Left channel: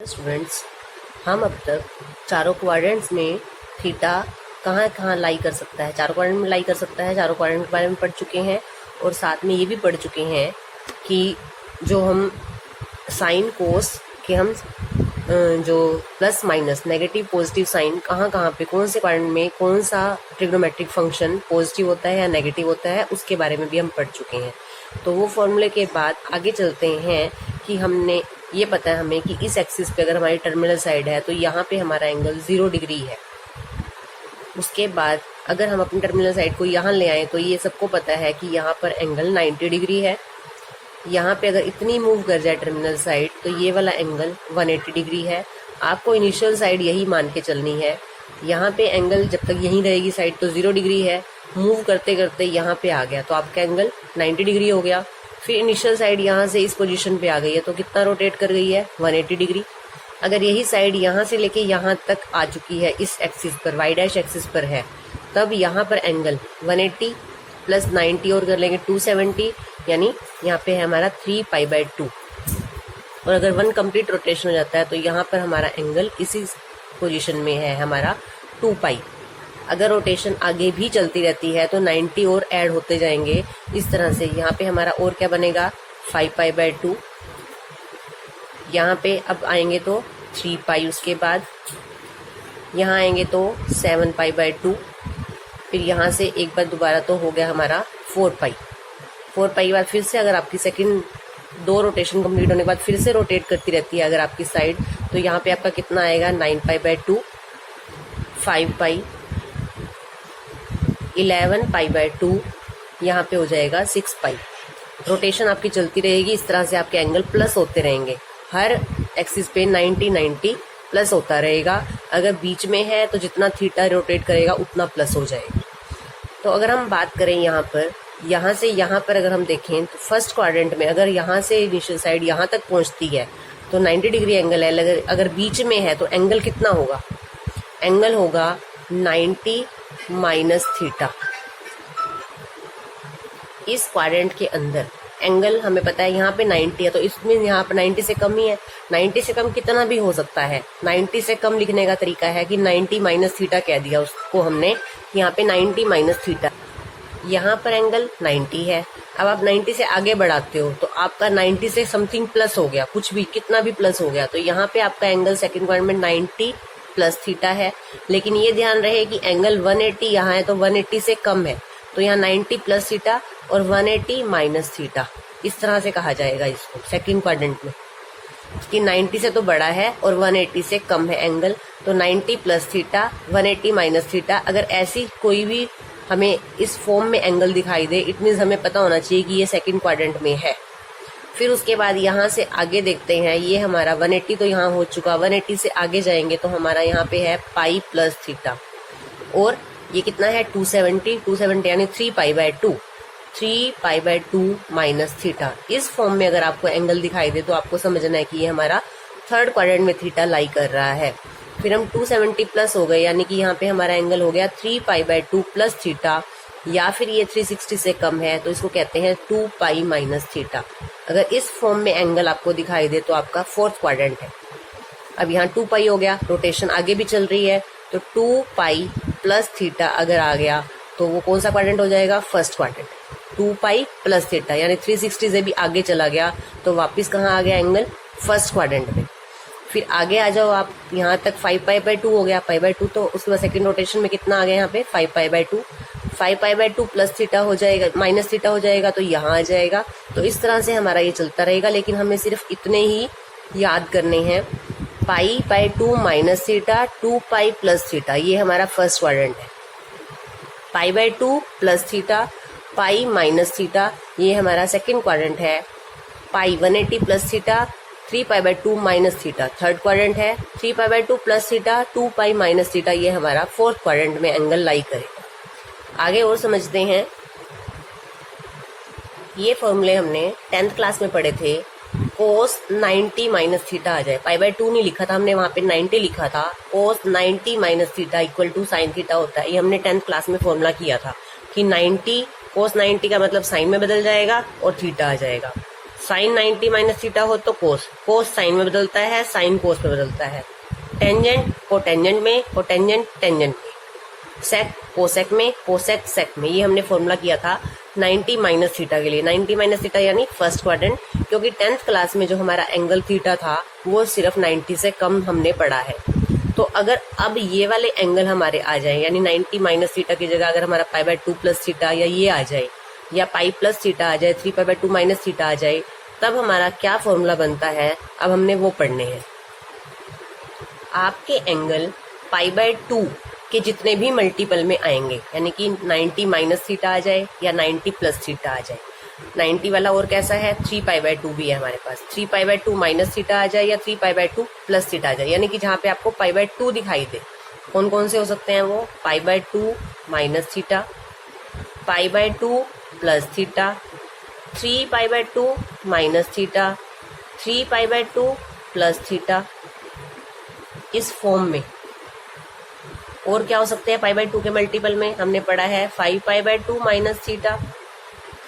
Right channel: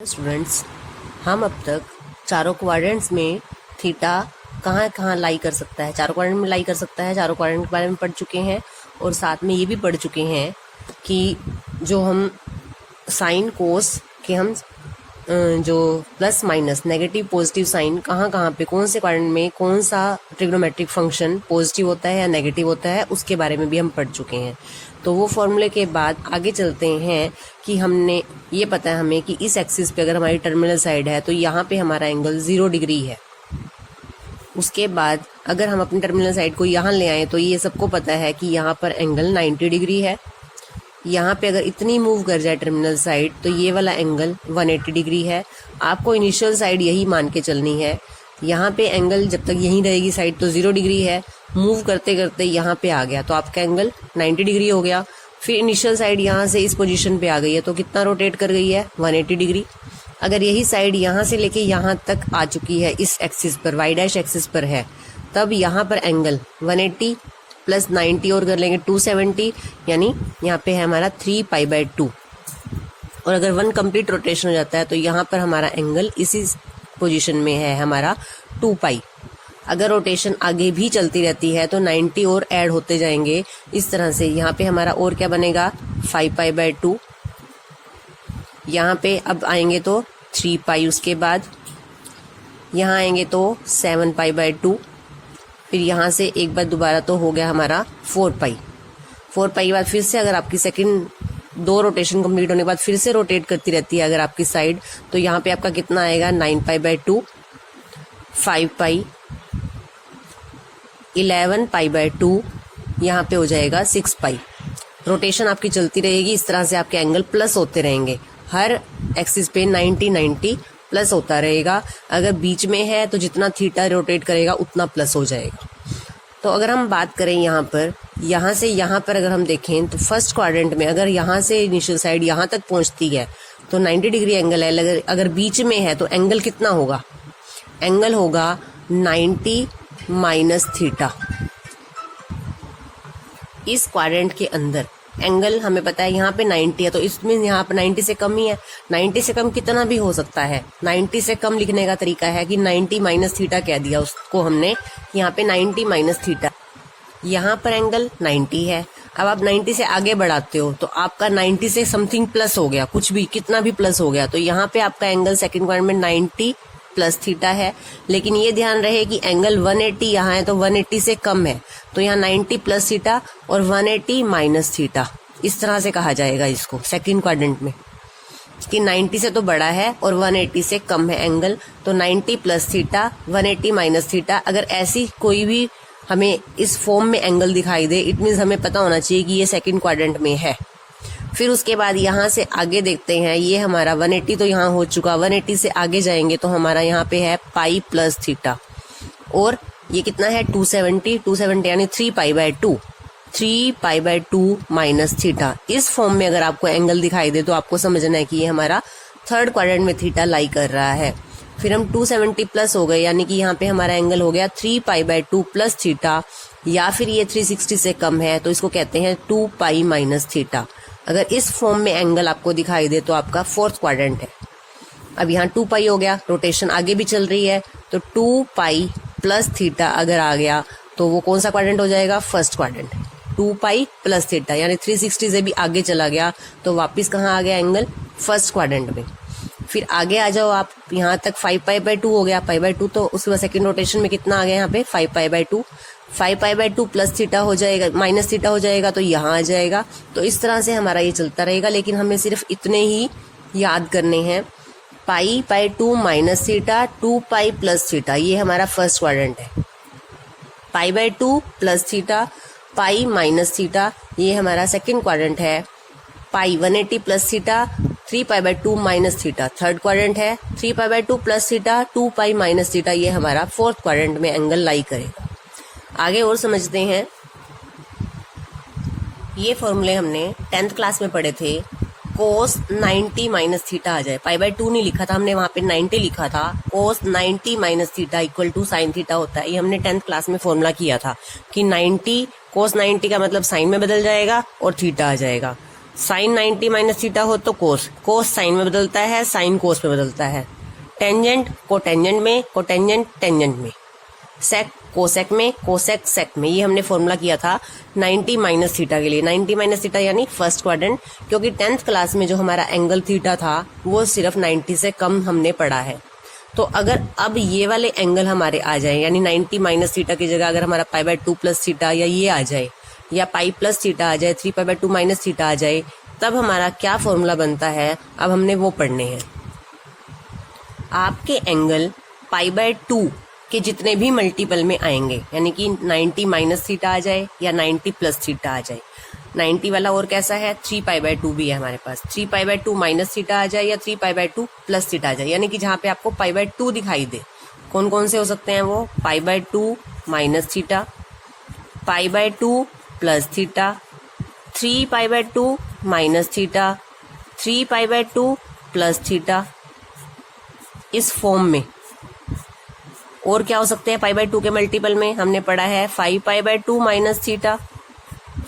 Students, हम अब तक चारों क्वाड्रेंट्स में थीटा कहाँ कहाँ लाई कर सकता है, चारों क्वाड्रेंट में लाई कर सकता है, चारों क्वाड्रेंट के बारे में पढ़ चुके हैं। और साथ में ये भी पढ़ चुके हैं कि जो हम साइन कोस के हम जो plus minus negative positive sign कहाँ कहाँ पे कौन से क्वाड्रेंट में कौन सा ट्रिग्नोमेट्रिक फंक्शन पॉजिटिव होता है या नेगेटिव होता है उसके बारे में भी हम पढ़ चुके हैं। तो वो फॉर्मूले के बाद आगे चलते हैं कि हमने ये पता है हमें कि इस एक्सिस पे अगर हमारी टर्मिनल साइड है तो यहाँ पे हमारा एंगल 0 डिग्री है। उसके बाद अगर हम अपनी टर्मिनल साइड को यहाँ ले आए तो ये सबको पता है कि यहाँ पर एंगल 90 डिग्री है। यहाँ पे अगर इतनी मूव कर जाए टर्मिनल साइड तो ये वाला एंगल 180 डिग्री है। आपको इनिशियल साइड यही मान के चलनी है। यहाँ पे एंगल जब तक यहीं रहेगी साइड तो 0 डिग्री है, मूव करते करते यहाँ पे आ गया तो आपका एंगल 90 डिग्री हो गया। फिर इनिशियल साइड यहाँ से इस पोजीशन पे आ गई है तो कितना रोटेट कर गई है 180 डिग्री। अगर यही साइड यहाँ से लेके यहाँ तक आ चुकी है इस एक्सिस पर वाई डैश एक्सिस पर है तब यहाँ पर एंगल 180 प्लस 90 और कर लेंगे 270, यानी यहाँ पे है हमारा 3π/2। और अगर 1 कंप्लीट रोटेशन हो जाता है तो यहाँ पर हमारा एंगल इसी पोजीशन में है हमारा 2π। अगर रोटेशन आगे भी चलती रहती है तो 90 और ऐड होते जाएंगे इस तरह से। यहाँ पे हमारा और क्या बनेगा 5π/2। यहाँ पे अब आएंगे तो 3π, उसके बाद यहाँ आएंगे तो 7π/2। फिर यहाँ से एक बार दोबारा तो हो गया हमारा 4π के बाद फिर से अगर आपकी सेकंड 2 रोटेशन कंप्लीट होने के बाद फिर से रोटेट करती रहती है अगर आपकी साइड तो यहाँ पे आपका कितना आएगा 9π/2, 5π, 11π/2, यहाँ पे हो जाएगा 6π। रोटेशन आपकी चलती रहेगी इस तरह से, आपके एंगल प्लस होते रहेंगे। हर एक्सिस पे 90 प्लस होता रहेगा। अगर बीच में है तो जितना थीटा रोटेट करेगा उतना प्लस हो जाएगा। तो अगर हम बात करें यहाँ से यहाँ पर अगर हम देखें तो फर्स्ट क्वाड्रेंट में अगर यहाँ से इनिशियल साइड यहाँ तक पहुँचती है तो 90 डिग्री एंगल है। अगर बीच में है तो एंगल कितना होगा, एंगल होगा 90 माइनस थीटा। इस क्वाड्रेंट के अंदर एंगल हमें पता है यहाँ पे 90 है तो इसमें यहाँ पे 90 से कम ही है। 90 से कम कितना भी हो सकता है। 90 से कम लिखने का तरीका है कि 90 माइनस थीटा कह दिया उसको हमने। यहाँ पे 90 माइनस थीटा, यहाँ पर एंगल 90 है। अब आप 90 से आगे बढ़ाते हो तो आपका 90 से समथिंग प्लस हो गया, कुछ भी कितना भी प्लस हो गया तो यहाँ पे आपका एंगल सेकंड क्वाड्रेंट में 90 प्लस थीटा है। लेकिन ये ध्यान रहे कि एंगल 180 यहाँ है तो 180 से कम है तो यहाँ 90 प्लस थीटा और 180 माइनस थीटा, इस तरह से कहा जाएगा इसको सेकंड क्वाड्रेंट में कि 90 से तो बड़ा है और 180 से कम है एंगल तो 90 प्लस थीटा 180 माइनस थीटा। अगर ऐसी कोई भी हमें इस फॉर्म में एंगल दिखाई दे इट मीन्स हमें पता होना चाहिए कि ये सेकंड क्वाड्रेंट में है। फिर उसके बाद यहाँ से आगे देखते हैं, ये हमारा 180 तो यहाँ हो चुका, 180 से आगे जाएंगे तो हमारा यहाँ पे है पाई प्लस थीटा और ये कितना है 270 यानी 3π/2 माइनस थीटा। इस फॉर्म में अगर आपको एंगल दिखाई दे तो आपको समझना है कि ये हमारा थर्ड क्वाड्रेंट में थीटा लाई कर रहा है। फिर हम 270 प्लस हो गए यानी कि यहाँ पे हमारा एंगल हो गया 3π/2 प्लस थीटा, या फिर ये 360 से कम है तो इसको कहते हैं 2π माइनस थीटा। अगर इस फॉर्म में एंगल आपको दिखाई दे तो आपका फोर्थ क्वाड्रेंट है। अब यहाँ 2π हो गया, रोटेशन आगे भी चल रही है तो 2π प्लस थीटा अगर आ गया तो वो कौन सा क्वाड्रेंट हो जाएगा, फर्स्ट क्वाड्रेंट। 2π प्लस थीटा यानी 360 से भी आगे चला गया तो वापस कहाँ आ गया एंगल, फर्स्ट क्वाड्रेंट में। फिर आगे आ जाओ आप, यहाँ तक 5π/2 हो गया, π/2 तो उसके बाद सेकंड रोटेशन में कितना आ गया यहाँ पे 5π/2, 5π/2 प्लस थीटा हो जाएगा, माइनस थीटा हो जाएगा तो यहाँ आ जाएगा। तो इस तरह से हमारा ये चलता रहेगा। लेकिन हमें सिर्फ इतने ही याद करने हैं, π/2 माइनस थीटा, 2π प्लस थीटा, ये हमारा फर्स्ट क्वाड्रेंट है। π/2 plus theta, pi minus theta, ये हमारा सेकंड क्वाड्रेंट है। Pi 180 plus theta, 3π/2 minus theta, third quadrant है। 3π/2 प्लस थीटा, 2π माइनस थीटा, ये हमारा फोर्थ क्वाड्रेंट में एंगल लाई करेगा। आगे और समझते हैं। ये फॉर्मूले हमने 10th क्लास में पढ़े थे। कोस 90 माइनस थीटा आ जाए, π/2 नहीं लिखा था हमने, वहाँ पे 90 लिखा था। Cos 90 minus theta equal to sine theta होता है। ये हमने 10th क्लास में फॉर्मूला किया था कि 90 कोस 90 का मतलब साइन में बदल जाएगा और थीटा आ जाएगा। साइन 90 माइनस थीटा हो तो कोस, कोस साइन में बदलता है, साइन कोस में बदलता है। टेंजेंट कोटेंजेंट में, कोटेंजेंट टेंजेंट में। सेक कोसेक में, कोसेक सेक में। ये हमने फॉर्मूला किया था 90 माइनस थीटा के लिए। 90 माइनस थीटा यानी फर्स्ट क्वाड्रेंट, क्योंकि 10th क्लास में जो हमारा एंगल थीटा था वो सिर्फ 90 से कम हमने पढ़ा है। तो अगर अब ये वाले एंगल हमारे आ जाए, यानी 90 माइनस थीटा की जगह अगर हमारा π/2 प्लस थीटा या ये आ जाए, या पाई प्लस थीटा आ जाए, 3π/2 माइनस थीटा आ जाए, तब हमारा क्या फॉर्मूला बनता है, अब हमने वो पढ़ने हैं। आपके एंगल π/2 के जितने भी मल्टीपल में आएंगे, यानी कि 90 माइनस थीटा आ जाए या 90 प्लस थीटा आ जाए। 90 वाला और कैसा है, 3π/2 भी है हमारे पास। 3π/2 माइनस थीटा आ जाए या 3π/2 प्लस थीटा आ जाए, यानी कि जहाँ पे आपको π/2 दिखाई दे। कौन कौन से हो सकते हैं वो, π/2 minus theta, π/2 plus theta, 3π/2 minus theta, 3π/2 plus theta, इस फॉर्म में। और क्या हो सकते हैं π/2 के मल्टीपल में, हमने पढ़ा है 5π/2 माइनस थीटा,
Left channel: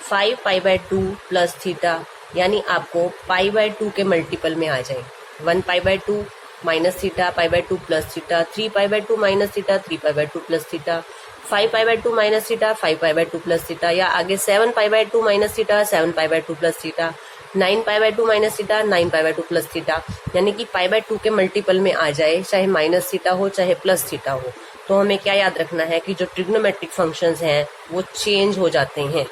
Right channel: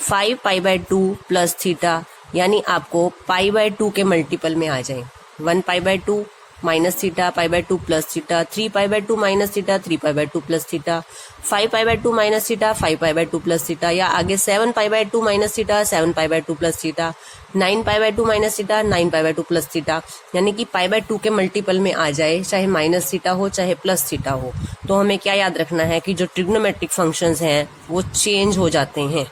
5π/2 प्लस थीटा, यानी आपको π/2 के मल्टीपल में आ जाए। 1π/2 minus theta, π/2 plus theta, 3π/2 minus theta, 3π/2 plus theta, 5π/2 minus theta, 5π/2 plus theta, या आगे 7π/2 minus theta, 7π/2 plus theta, 9π/2 minus theta, 9π/2 plus theta, यानी कि π/2 के मल्टीपल में आ जाए, चाहे माइनस थीटा हो चाहे प्लस थीटा हो। तो हमें क्या याद रखना है कि जो ट्रिग्नोमेट्रिक फंक्शंस हैं वो चेंज हो जाते हैं।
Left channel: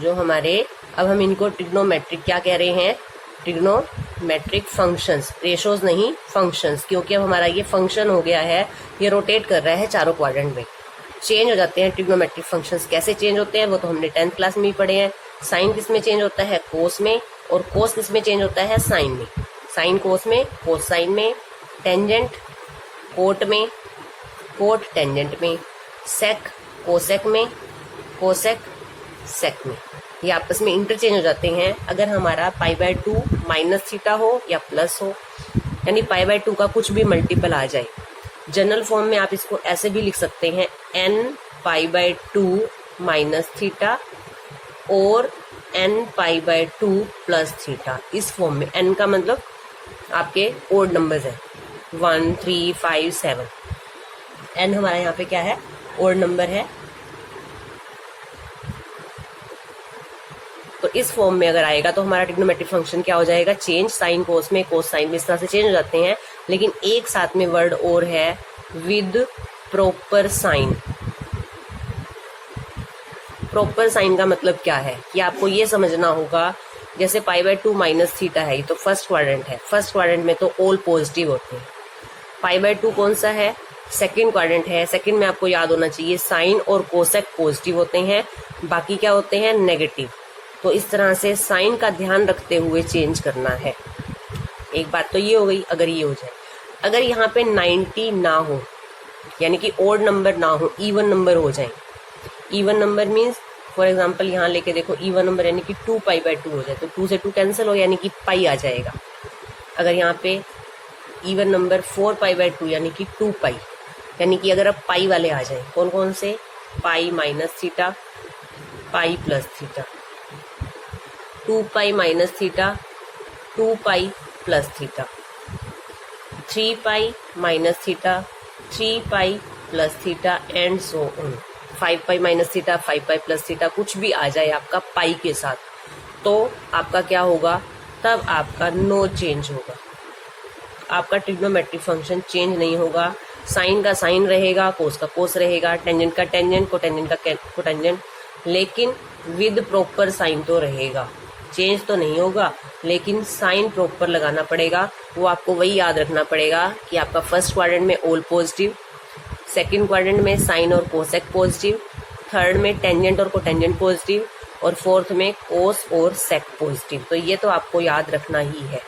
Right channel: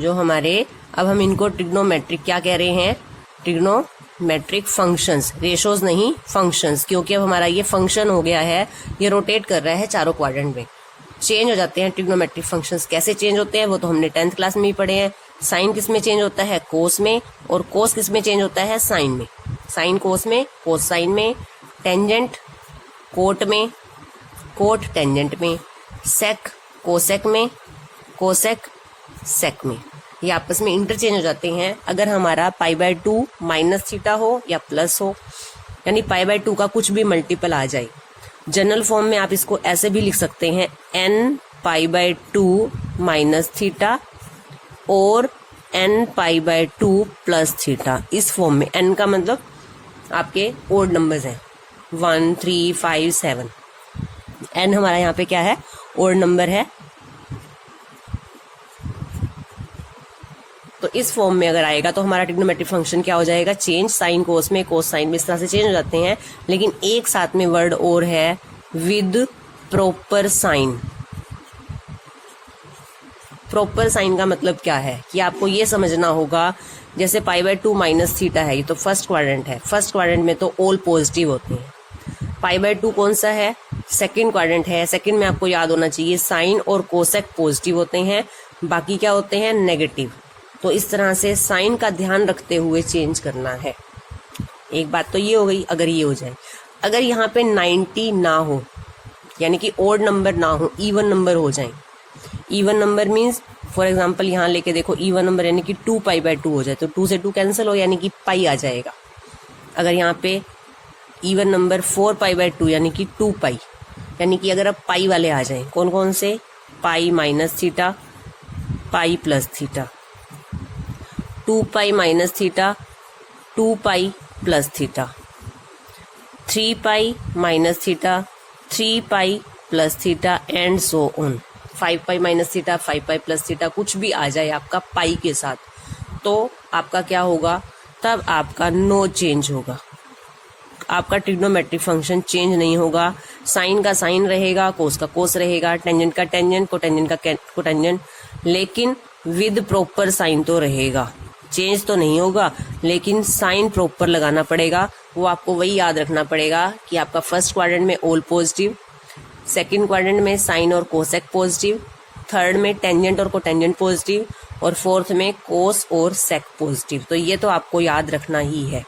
जो हमारे, अब हम इनको ट्रिग्नोमेट्रिक क्या कह रहे हैं, ट्रिग्नोमेट्रिक फंक्शंस, रेशोज नहीं फंक्शंस, क्योंकि अब हमारा ये फंक्शन हो गया है, ये रोटेट कर रहा है चारों क्वाड्रेंट में। चेंज हो जाते हैं ट्रिग्नोमेट्रिक फंक्शंस। कैसे चेंज होते हैं वो तो हमने 10th क्लास में ही पढ़े हैं। साइन किस में चेंज होता है, कोस में, और कोस किस में चेंज होता है, साइन में। साइन कोस में, कोस साइन में। टेंजेंट कोट में, कोट टेंजेंट में। सेक कोसेक में, कोसेक सेक में। ये आपस में इंटरचेंज हो जाते हैं अगर हमारा π/2 माइनस थीटा हो या प्लस हो, यानी π/2 का कुछ भी मल्टीपल आ जाए। जनरल फॉर्म में आप इसको ऐसे भी लिख सकते हैं, n π/2 माइनस थीटा और n π/2 प्लस थीटा। इस फॉर्म में n का मतलब आपके ओड नंबर्स हैं, 1 3 5 7। n हमारा यहाँ पे क्या है, ओड नंबर है। तो इस फॉर्म में अगर आएगा तो हमारा ट्रिग्नोमेट्रिक फंक्शन क्या हो जाएगा, चेंज। साइन कोस में, कोस साइन में, इस तरह से चेंज हो जाते हैं। लेकिन एक साथ में वर्ड और है, with proper sign. Proper sign का मतलब क्या है कि आपको ये समझना होगा, जैसे π/2 माइनस थीटा है, ये तो फर्स्ट क्वाड्रेंट है। फर्स्ट क्वाड्रेंट में तो ऑल पॉजिटिव होते हैं। π/2 कौन सा है, सेकंड क्वाड्रेंट है। सेकंड में आपको याद होना चाहिए साइन और कोसेक पॉजिटिव होते हैं, बाकी क्या होते हैं, नेगेटिव। तो इस तरह से साइन का ध्यान रखते हुए चेंज करना है। एक बात तो ये हो गई, अगर ये हो जाए। अगर यहाँ पे 90 ना हो, यानी कि ओड नंबर ना हो, इवन नंबर हो जाए। Even number means for example यहाँ लेके देखो, इवन नंबर यानी कि 2π/2 हो जाए, तो 2 से 2 कैंसिल हो, यानी कि पाई आ जाएगा। अगर यहाँ पे इवन नंबर 4π/2 यानी कि 2π, यानी कि अगर अब पाई वाले आ जाए, कौन कौन से, pi minus theta, pi plus theta, 2π minus theta, 2π plus theta, 3π minus theta, 3π plus theta, and so on. 5π minus theta, 5π plus theta, कुछ भी आ जाए आपका पाई के साथ, तो आपका क्या होगा, तब आपका नो चेंज होगा। आपका ट्रिग्नोमेट्रिक फंक्शन चेंज नहीं होगा। साइन का साइन रहेगा, कोस का कोस रहेगा, टेंजेंट का टेंजेंट, कोटेंजेंट का कोटेंजेंट, लेकिन विद प्रॉपर साइन तो रहेगा। चेंज तो नहीं होगा, लेकिन साइन प्रॉपर लगाना पड़ेगा। वो आपको वही याद रखना पड़ेगा कि आपका फर्स्ट क्वाड्रेंट में ऑल पॉजिटिव, सेकंड क्वाड्रेंट में साइन और कोसेक पॉजिटिव, थर्ड में टेंजेंट और कोटेंजेंट पॉजिटिव, और फोर्थ में कोस और सेक पॉजिटिव। तो ये तो आपको याद रखना ही है।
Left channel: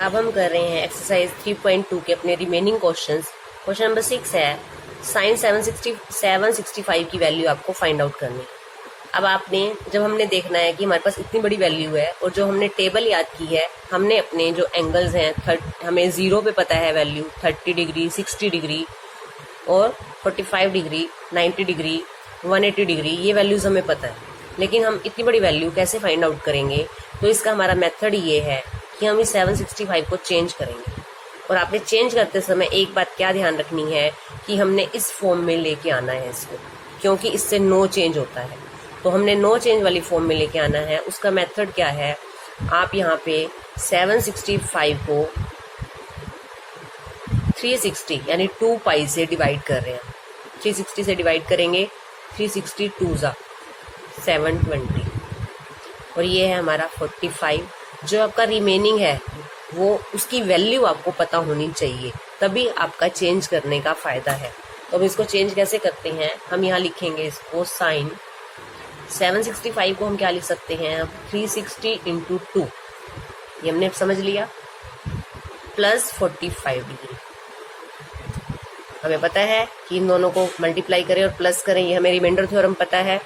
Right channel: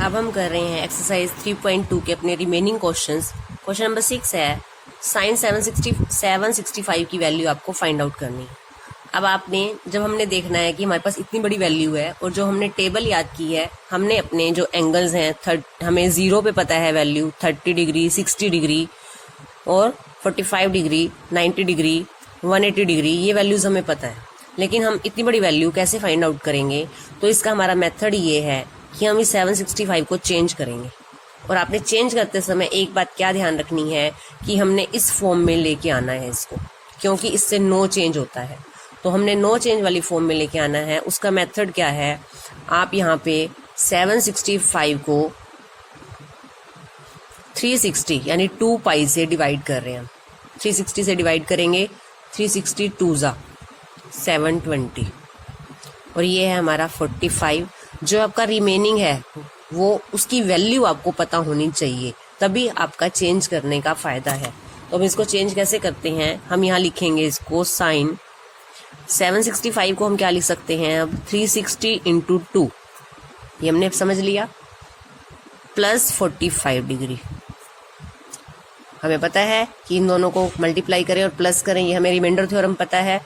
अब हम कर रहे हैं एक्सरसाइज 3.2 के अपने रिमेनिंग क्वेश्चंस। क्वेश्चन नंबर 6 है, साइन 765 की वैल्यू आपको फाइंड आउट करनी है। अब आपने, जब हमने देखना है कि हमारे पास इतनी बड़ी वैल्यू है, और जो हमने टेबल याद की है, हमने अपने जो एंगल्स हैं, हमें 0 पे पता है वैल्यू 30 डिग्री, 60 डिग्री और 45 डिग्री, 90 डिग्री, 180 डिग्री, ये वैल्यूज हमें पता है। लेकिन हम इतनी बड़ी वैल्यू कैसे फाइंड आउट करेंगे? तो इसका हमारा मेथड ये है कि हम इस 765 को चेंज करेंगे। और आपने चेंज करते समय एक बात क्या ध्यान रखनी है कि हमने इस फॉर्म में लेके आना है इसको, क्योंकि इससे नो चेंज होता है। तो हमने नो चेंज वाली फॉर्म में लेके आना है। उसका मेथड क्या है? आप यहाँ पे 765 को 360 यानी 2 पाई से डिवाइड कर रहे हैं। 360 से डिवाइड करेंगे, 360 2 ज़ा 720 और ये है हमारा 45। जो आपका रिमेनिंग है वो उसकी वैल्यू आपको पता होनी चाहिए, तभी आपका चेंज करने का फ़ायदा है। तो हम इसको चेंज कैसे करते हैं? हम यहाँ लिखेंगे इसको साइन 765 को हम क्या लिख सकते हैं अब? 360 इंटू 2, ये हमने समझ लिया, प्लस 45 डिग्री। हमें पता है कि इन दोनों को मल्टीप्लाई करें और प्लस करें, ये हमें रिमाइंडर थ्योरम पता है,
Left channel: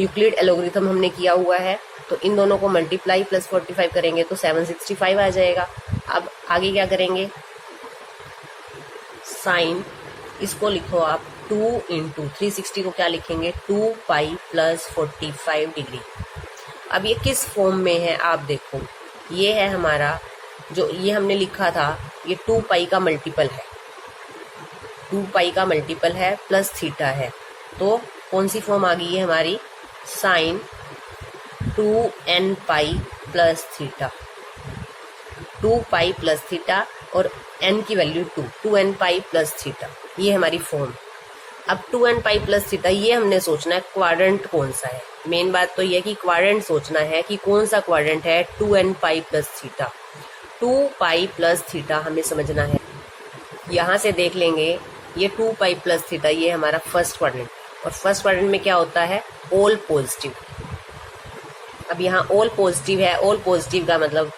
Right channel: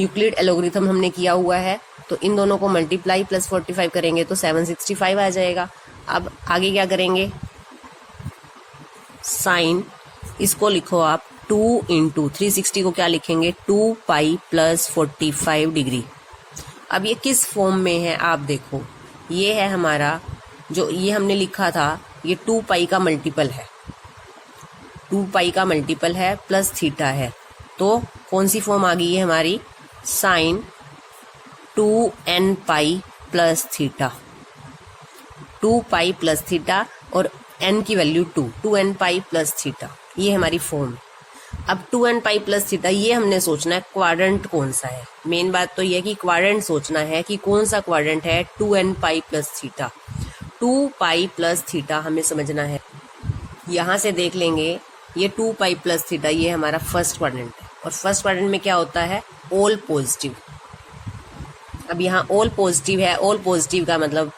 यूक्लिड एलोगरिथम हमने किया हुआ है। तो इन दोनों को मल्टीप्लाई प्लस 45 करेंगे तो 765 आ जाएगा। अब आगे क्या करेंगे? साइन इसको लिखो आप 2 इंटू 360 को क्या लिखेंगे? 2 पाई प्लस 45 डिग्री। अब ये किस फॉर्म में है आप देखो, ये है हमारा जो ये हमने लिखा था, ये 2 पाई का मल्टीपल है, 2 पाई का मल्टीपल है प्लस थीटा है। तो कौन सी फॉर्म आ गई है हमारी? Sine 2n pi plus theta, 2 pi plus theta और n की value 2n pi plus theta, ये हमारी फॉर्म। अब 2n पाई प्लस थीटा, ये हमने सोचना है क्वाड्रेंट कौन सा है। मेन बात तो ये कि क्वाड्रेंट सोचना है कि कौन सा क्वाड्रेंट है 2n pi plus theta. 2 pi plus theta हमें समझना है। यहाँ से देख लेंगे, ये 2 पाई प्लस थीटा ये हमारा फर्स्ट क्वाड्रेंट है, और फर्स्ट क्वाड्रेंट में क्या होता है? All positive. अब यहाँ ऑल पॉजिटिव है, ऑल पॉजिटिव का मतलब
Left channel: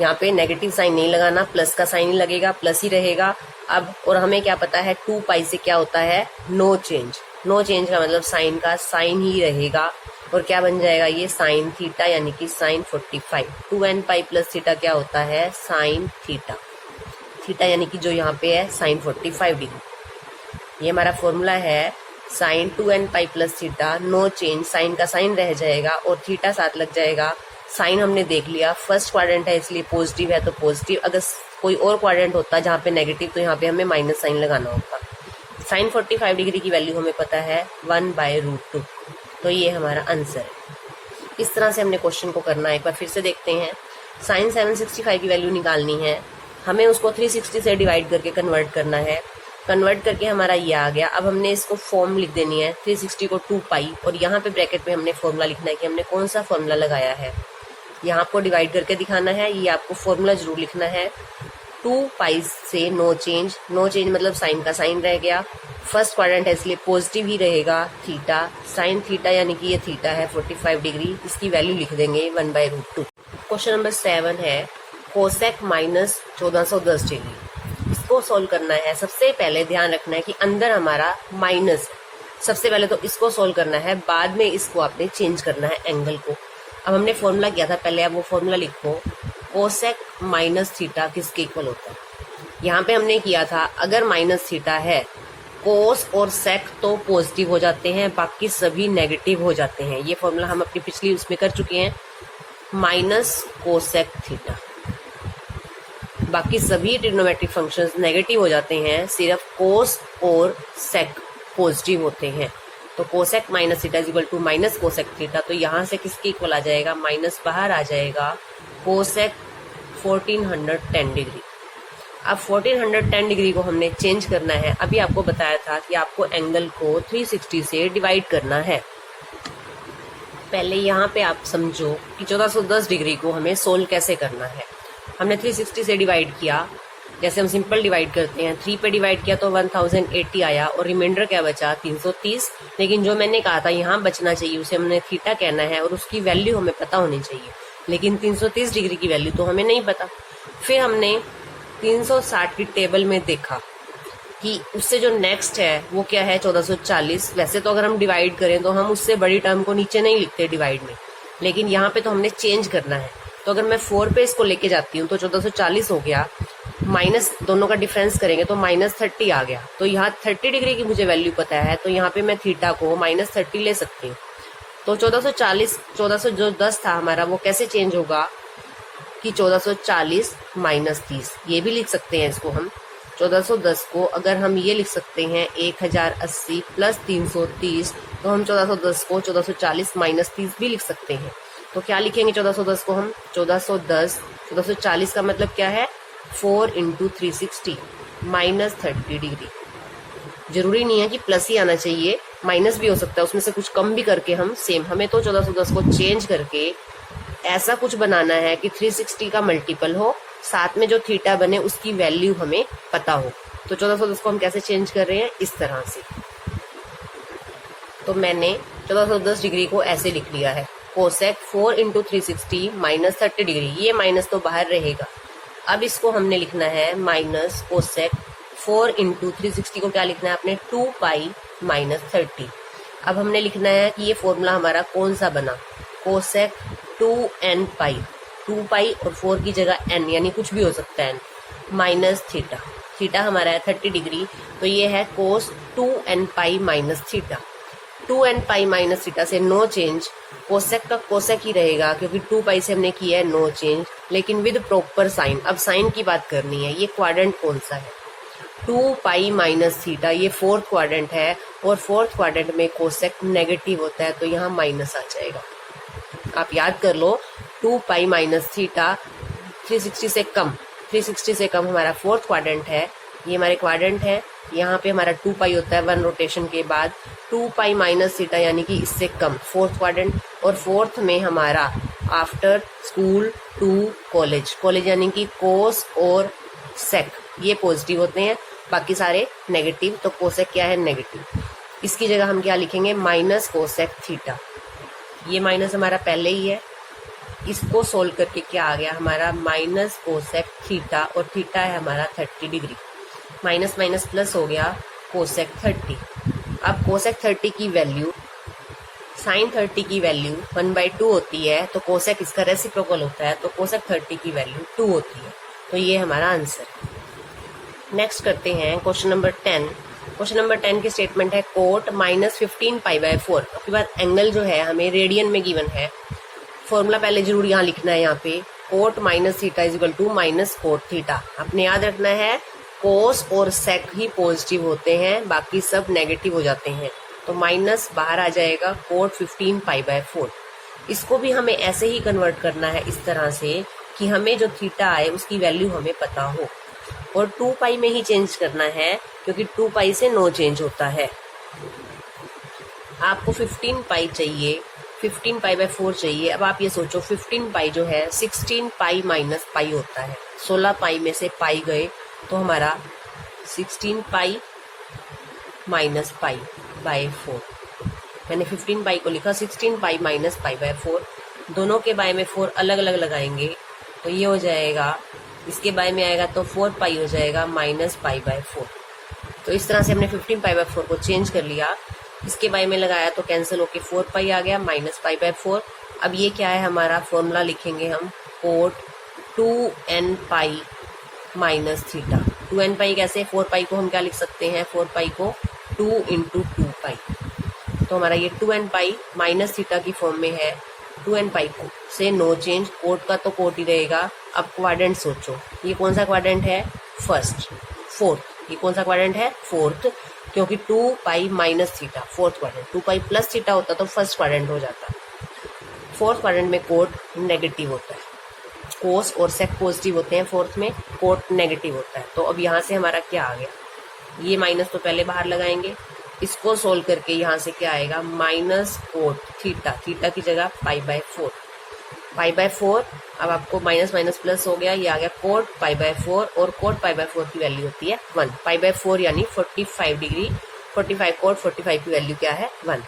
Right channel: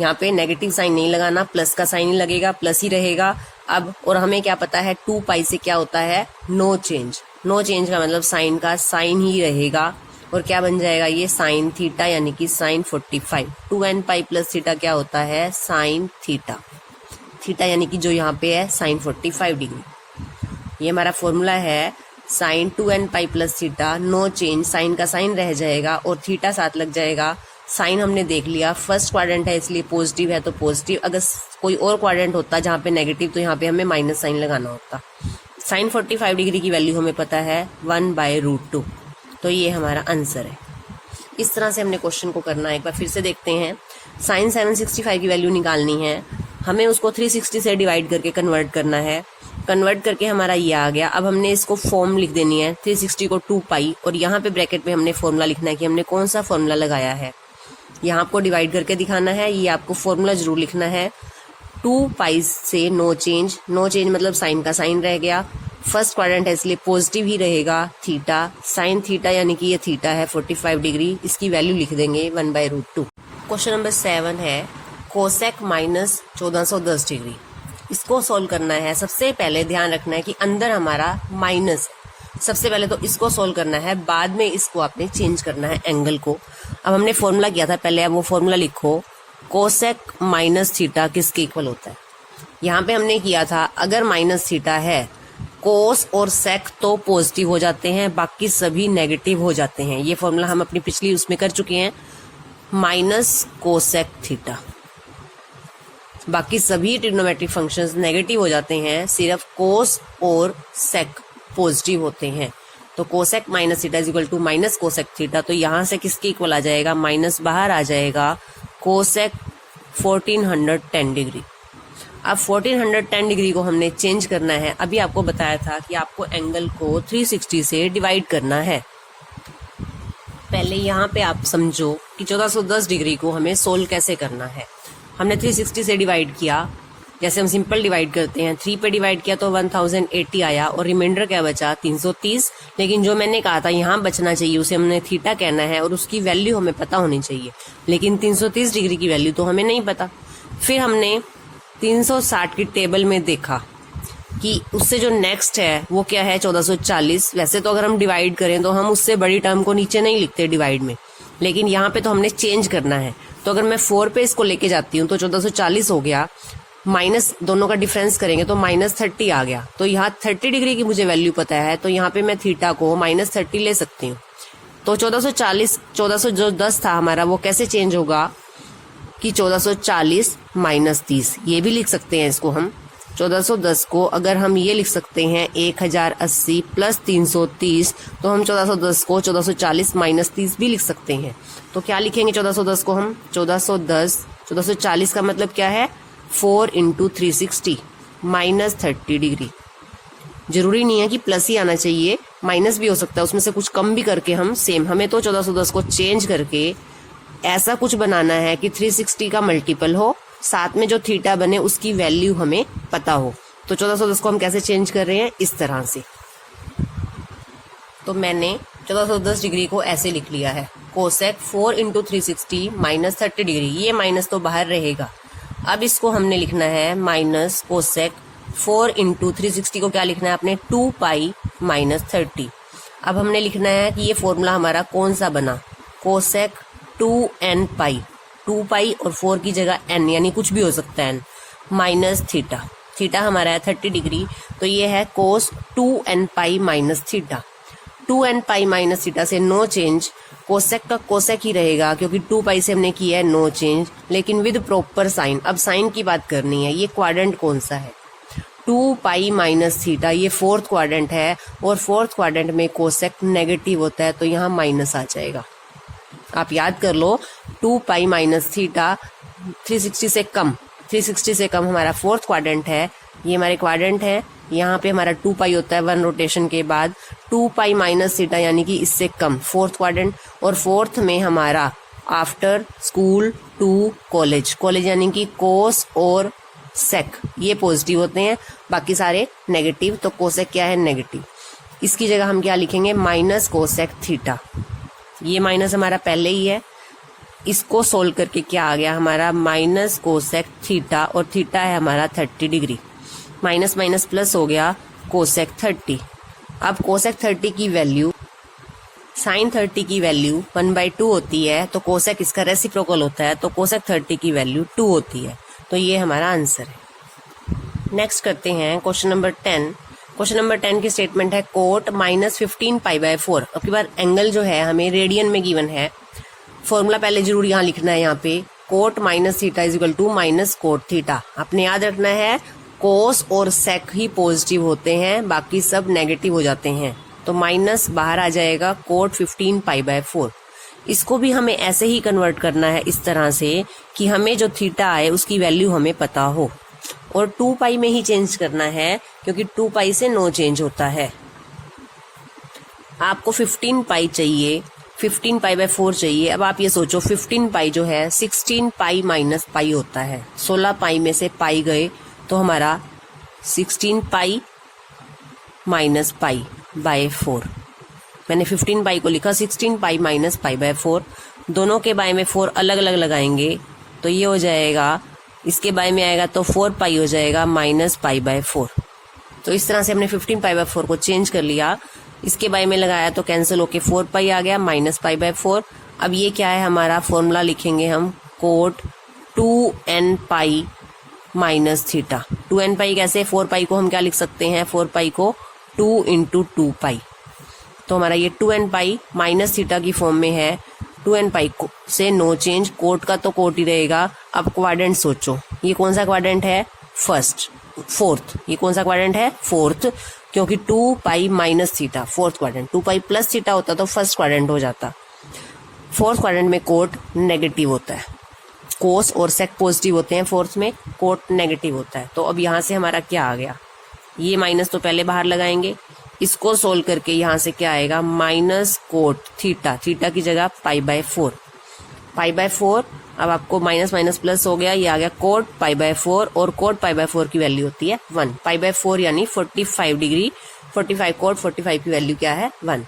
यहाँ पे नेगेटिव साइन नहीं लगाना, प्लस का साइन ही लगेगा, प्लस ही रहेगा। अब और हमें क्या पता है 2 पाई से क्या होता है? No change. नो चेंज का मतलब साइन का साइन ही रहेगा, और क्या बन जाएगा ये? साइन थीटा यानी कि sign 45। 2n pi plus theta क्या होता है? Sine theta. थीटा यानी कि जो यहाँ पे है साइन 45 डिग्री। ये हमारा फॉर्मूला है sine 2n pi plus theta, no change, sine का साइन रह जाएगा और थीटा साथ लग जाएगा। साइन हमने देख लिया, फर्स्ट क्वाड्रेंट है इसलिए पॉजिटिव है तो पॉजिटिव। अगर कोई और क्वाड्रेंट होता जहाँ पे नेगेटिव तो यहाँ पे हमें माइनस साइन लगाना होता। साइन 45 डिग्री की वैल्यू हमें पता है 1/√2। तो ये हमारा आंसर है। इस तरह से हमने क्वेश्चन को करना है। एक बार फिर से देखते हैं। साइन 765 की वैल्यू निकालनी है, हमें उसको 360 से डिवाइड करके कन्वर्ट करना है। कन्वर्ट करके हमारा ये आ गया। अब हमने इसको फॉर्म लिख देनी है, 360 को 2 पाई, और यहाँ पे ब्रैकेट में हमने फॉर्मूला लिखना है कि हमने कौन सा फॉर्मूला लगाया है। यहाँ आपको डिवाइड करके दिखाना है, ये आपको फॉर्मूला जरूर लिखना है। 2 पाई से नो चेंज, नो चेंज मतलब साइन का साइन रह गया, फर्स्ट क्वाड्रेंट है इसलिए पॉजिटिव ही रहेगा, थीटा, साइन थीटा यानी कि ये थीटा है 45 डिग्री, इसकी वैल्यू लिख देंगे 1/√2। क्वेश्चन नंबर 7 है कोसेक माइनस 1410 डिग्री। इसको सोल्व करना है। सबसे पहले ध्यान रखना है कि अंदर हमारा माइनस है। सबसे पहले तो इसको सोल्व करना है, बाद में इसको आपने चेंज करना है एंगल को। अब हमने फॉर्मूला किया था पहले, अब वो फॉर्मूला लिखो। कोसेक माइनस थीटा किसके इक्वल होता है? यहाँ पे हमने किया था, अगर माइनस थीटा है कोस और सेक तो पॉजिटिव हो जाते हैं, बाकी सभी नेगेटिव हो जाते हैं। ये फॉर्मूला हम अपनी पिछली उसमें कर चुके हैं। माइनस कोसेक थीटा, बाकी सभी ट्रिग्नोमेट्रिक फंक्शंस नेगेटिव हो जाते हैं, सिर्फ कोस और सेक पॉजिटिव होते हैं। तो cosec minus theta is equal to minus cosec theta. तो यहाँ से किसके इक्वल आ जाएगा? माइनस बाहर आ जाएगा, कोसेक 1410 डिग्री। अब 1410 डिग्री को हमने चेंज करना है। अभी आपको बताया था कि आपको एंगल को 360 से डिवाइड करना है। पहले यहाँ पे आप समझो कि 1410 डिग्री को हमें सोल्व कैसे करना है। हमने 360 से डिवाइड किया, जैसे हम सिंपल डिवाइड करते हैं। 3 पे डिवाइड किया तो 1080 आया और रिमाइंडर क्या बचा? 330। लेकिन जो मैंने कहा था यहाँ बचना चाहिए, उसे हमने थीटा कहना है और उसकी वैल्यू हमें पता होनी चाहिए। लेकिन 330 डिग्री की वैल्यू तो हमें नहीं पता। फिर हमने 360 की टेबल में देखा कि उससे जो नेक्स्ट है वो क्या है? 1440। वैसे तो अगर हम डिवाइड करें तो हम उससे बड़ी टर्म को नीचे नहीं लिखते डिवाइड में, लेकिन यहाँ पे तो हमने चेंज करना है। तो अगर मैं 4 पे इसको लेके जाती हूँ तो 1440 हो गया, माइनस दोनों का डिफरेंस करेंगे तो -30 आ गया। तो यहाँ 30 डिग्री की मुझे वैल्यू पता है, तो यहाँ पे मैं थीटा को -30 ले सकती हूँ। तो 1440 जो 10 था हमारा वो कैसे चेंज होगा कि 1440 माइनस 30, ये भी लिख सकते हैं इसको हम। 1410 को अगर हम ये लिख सकते हैं 1080 प्लस 330, तो हम 1410 को 1440 माइनस 30 भी लिख सकते हैं। तो क्या लिखेंगे 1410 को हम? 1440 का मतलब क्या है? 4 इंटू 360 माइनस 30 डिग्री। जरूरी नहीं है कि प्लस ही आना चाहिए, माइनस भी हो सकता है, उसमें से कुछ कम भी करके हम सेम, हमें तो 1410 को चेंज करके ऐसा कुछ बनाना है कि 360 का मल्टीपल हो, साथ में जो थीटा बने उसकी वैल्यू हमें पता हो। तो 1410 को हम कैसे चेंज कर रहे हैं? इस तरह से। तो मैंने 1410 डिग्री को ऐसे लिख लिया है, कोसेक 4 इंटू 360 माइनस 30 डिग्री। ये माइनस तो बाहर रहेगा। अब इसको हमने लिखना है माइनस कोसेक 4 इंटू 360 को क्या लिखना है आपने? 2 पाई माइनस 30। अब हमने लिखना है कि ये फॉर्मूला हमारा कौन सा बना? कोसेक 2n पाई, 2 पाई और 4 की जगह n, यानी कुछ भी हो सकता है n, माइनस थीटा। थीटा हमारा है 30 डिग्री, तो ये है कोस 2n pi minus theta. 2n pi minus theta से नो चेंज, कोसेक का कोसेक ही रहेगा क्योंकि 2 पाई से हमने किया है नो चेंज, लेकिन विद प्रॉपर साइन। अब साइन की बात करनी है, ये क्वाड्रेंट कौन सा है? 2 पाई माइनस थीटा, ये फोर्थ क्वाड्रेंट है और फोर्थ क्वाड्रेंट में कोसेक नेगेटिव होता है, तो यहाँ माइनस आ जाएगा। आप याद कर लो, 2 पाई माइनस थीटा 360 से कम, 360 से कम हमारा फोर्थ क्वाड्रेंट है। ये हमारे क्वाड्रेंट है, यहाँ पे हमारा 2 पाई होता है 1 रोटेशन के बाद। 2 पाई माइनस थीटा यानी कि इससे कम फोर्थ क्वाड्रेंट, और फोर्थ में हमारा after school to college, college यानी कि कोस और सेक ये पॉजिटिव होते हैं, बाकी सारे नेगेटिव। तो कोसेक क्या है? नेगेटिव। इसकी जगह हम क्या लिखेंगे? Minus cosec theta. ये माइनस हमारा पहले ही है, इसको सोल्व करके क्या आ गया हमारा? माइनस कोसेक थीटा, और थीटा है हमारा 30 डिग्री। माइनस माइनस प्लस हो गया कोसेक 30। अब कोसेक 30 की वैल्यू साइन 30 की वैल्यू 1/2 होती है, तो कोसेक इसका रेसिप्रोकल होता है, तो कोसेक 30 की वैल्यू 2 होती है। तो ये हमारा आंसर है। नेक्स्ट करते हैं क्वेश्चन नंबर 10। क्वेश्चन नंबर 10 की स्टेटमेंट है कोट माइनस 15 पाई बाय 4। अब की बार एंगल जो है हमें रेडियन में गिवन है। फॉर्मूला पहले जरूर यहाँ लिखना है, यहाँ पे cot minus theta is equal to minus cot theta. आपने याद रखना है कोस और सेक ही पॉजिटिव होते हैं, बाकी सब नेगेटिव हो जाते हैं। तो माइनस बाहर आ जाएगा कोट 15 पाई बाय 4। इसको भी हमें ऐसे ही कन्वर्ट करना है इस तरह से कि हमें जो थीटा आए उसकी वैल्यू हमें पता हो, और 2 पाई में ही चेंज करना है क्योंकि 2 पाई से नो चेंज होता है। आपको 15 पाई चाहिए, 15 पाई बाय 4 चाहिए। अब आप ये सोचो 15 पाई जो है 16 पाई माइनस पाई होता है, 16 पाई में से पाई गए तो हमारा 16 पाई माइनस पाई बाय 4। मैंने 15 पाई को लिखा, 16 पाई माइनस पाई बाय 4। दोनों के बाय में 4 अलग अलग लगाएंगे तो ये हो जाएगा, इसके बाय में आएगा तो 4 पाई हो जाएगा माइनस पाई बाय 4। तो इस तरह से हमने 15 पाई बाय 4 को चेंज कर लिया, इसके बाय में लगाया तो कैंसिल होके 4 पाई आ गया माइनस पाई बाय 4। अब ये क्या है हमारा? फॉर्मूला लिखेंगे हम cot 2n pi minus theta. 2n pi कैसे? 4 पाई को हम क्या लिख सकते हैं? 4 पाई को 2 इंटू 2 पाई। तो हमारा ये 2n पाई माइनस थीटा की फॉर्म में है। 2n पाई से नो चेंज, कोट का तो कोट ही रहेगा। अब क्वाड्रेंट सोचो, ये कौन सा क्वाड्रेंट है? फोर्थ। ये कौन सा क्वाड्रेंट है? फोर्थ, क्योंकि 2 पाई minus theta fourth quadrant, 2 pi plus theta होता तो फर्स्ट क्वाड्रेंट हो जाता। फोर्थ क्वाड्रेंट में कोट नेगेटिव होता है, कोस और सेक पॉजिटिव होते हैं, फोर्थ में कोट नेगेटिव होता है। तो अब यहाँ से हमारा क्या आ गया? ये माइनस तो पहले बाहर लगाएंगे, इसको सोल्व करके यहाँ से क्या आएगा? माइनस कोट थीटा, थीटा की जगह पाई बाय 4। पाई बाय 4, अब आपको माइनस माइनस प्लस हो गया, ये आ गया कोट पाई बाय 4, और कोट पाई बाय 4 की वैल्यू होती है 1। पाई बाय 4 यानी 45 डिग्री, 45 कोट 45 की वैल्यू क्या है? 1।